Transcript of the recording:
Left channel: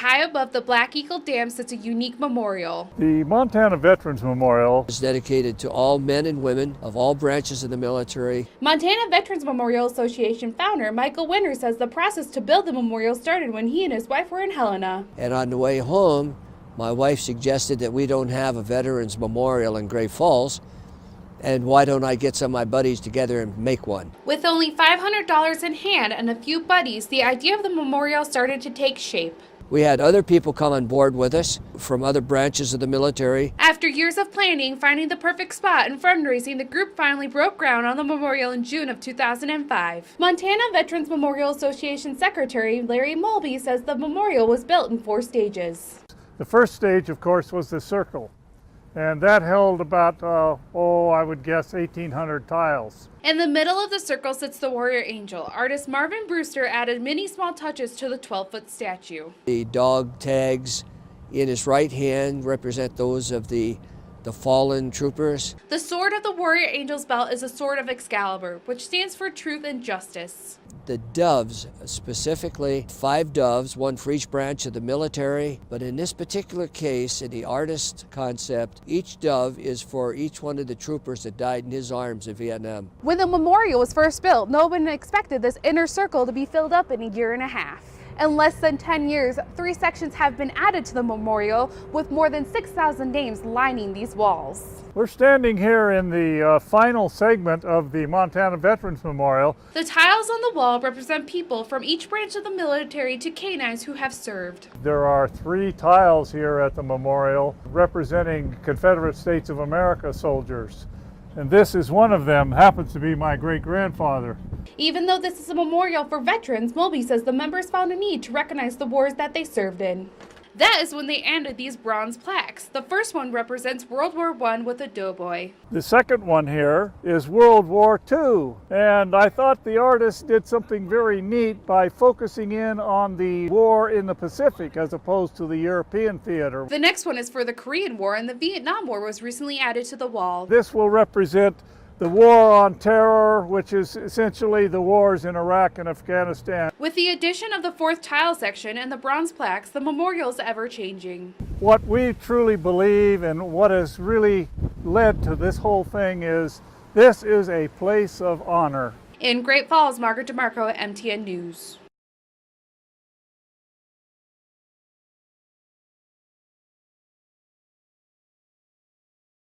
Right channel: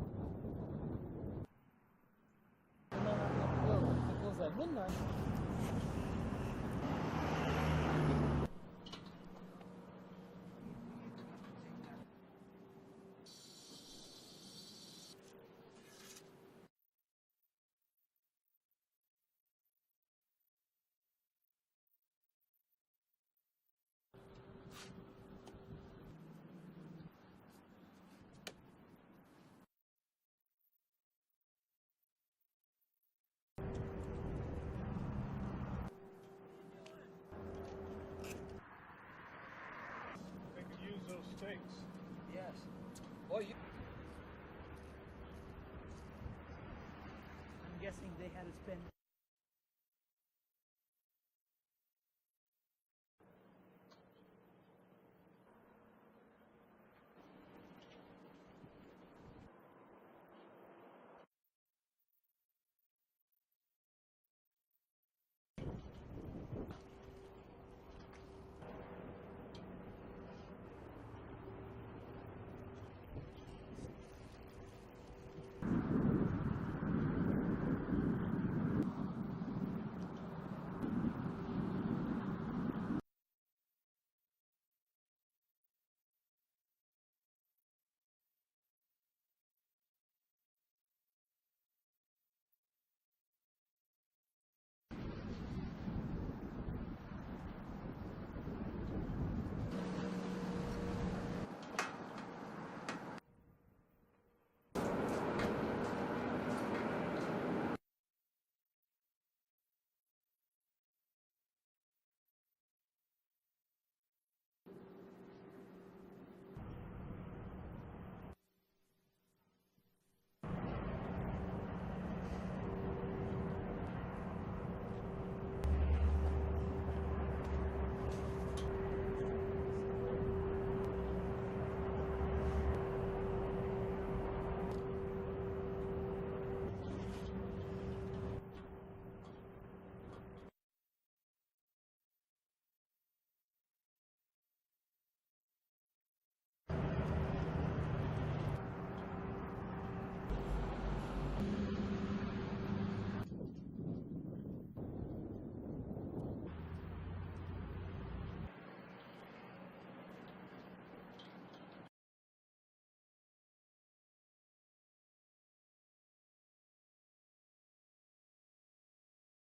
High above the Black Eagle Dam sits a unique memorial. The Montana Veterans Memorial is dedicated to all men and women of all branches of the military. Montana Veterans Memorial Association founder Michael Winter says the process to build the memorial started when he and his wife were in Helena. And on the way home, my wife suggested that we don't have a Veterans Memorial in Great Falls, and why don't I get some of my buddies together and make one? With only $500 in hand and a few buddies, the idea of the memorial started to take shape. We had other people come on board with us from other branches of the military. After years of planning, finding the perfect spot, and fundraising, the group finally broke ground on the memorial in June of 2005. Montana Veterans Memorial Association Secretary Larry Mulvey says the memorial was built in 4 stages. The first stage, of course, was the circle, and that held about, I would guess 1,800 tiles. In the middle of the circle sits the warrior angel. Artist Marvin Brewster added many small touches to the 12-foot statue. The dog tags in his right hand represent those of the fallen troopers. The sword of the warrior angel's belt is a sword of Excalibur, which stands for truth and justice. The doves, specifically 5 doves, one for each branch of the military, but in this particular case, in the artist concept, each dove is for each one of the troopers that died in his arms in Vietnam. When the memorial was first built, no one expected this inner circle to be filled up in a year and a half. In less than 10 years, 3 sections have been added to the memorial, with more than 6,000 names lining these walls. We're standing here in the final segment of the Montana Veterans Memorial. The tiles on the wall represent people from each branch of the military to canines who have served. There are 3 tiles here at the memorial representing Confederate States of America soldiers. And this is one of them, happens to be my great-grandfather. Even though this is a memorial for veterans, Mulvey says the members found a need to recognize the wars that they served in. That is when they added these bronze plaques. The first one represents World War I with a doughboy. The second one here is World War II, and I thought the artist did something very neat by focusing in on the war in the Pacific as opposed to the European theater. The next one is for the Korean War, and the Vietnam War was recently added to the wall. This will represent the war on terror, which is essentially the wars in Iraq and Afghanistan. With the addition of the 4th tile section and the bronze plaques, the memorial is ever-changing. What we truly believe and what has really led to this whole thing is this is a place of honor. In Great Falls, Margaret DeMarco, MTN News.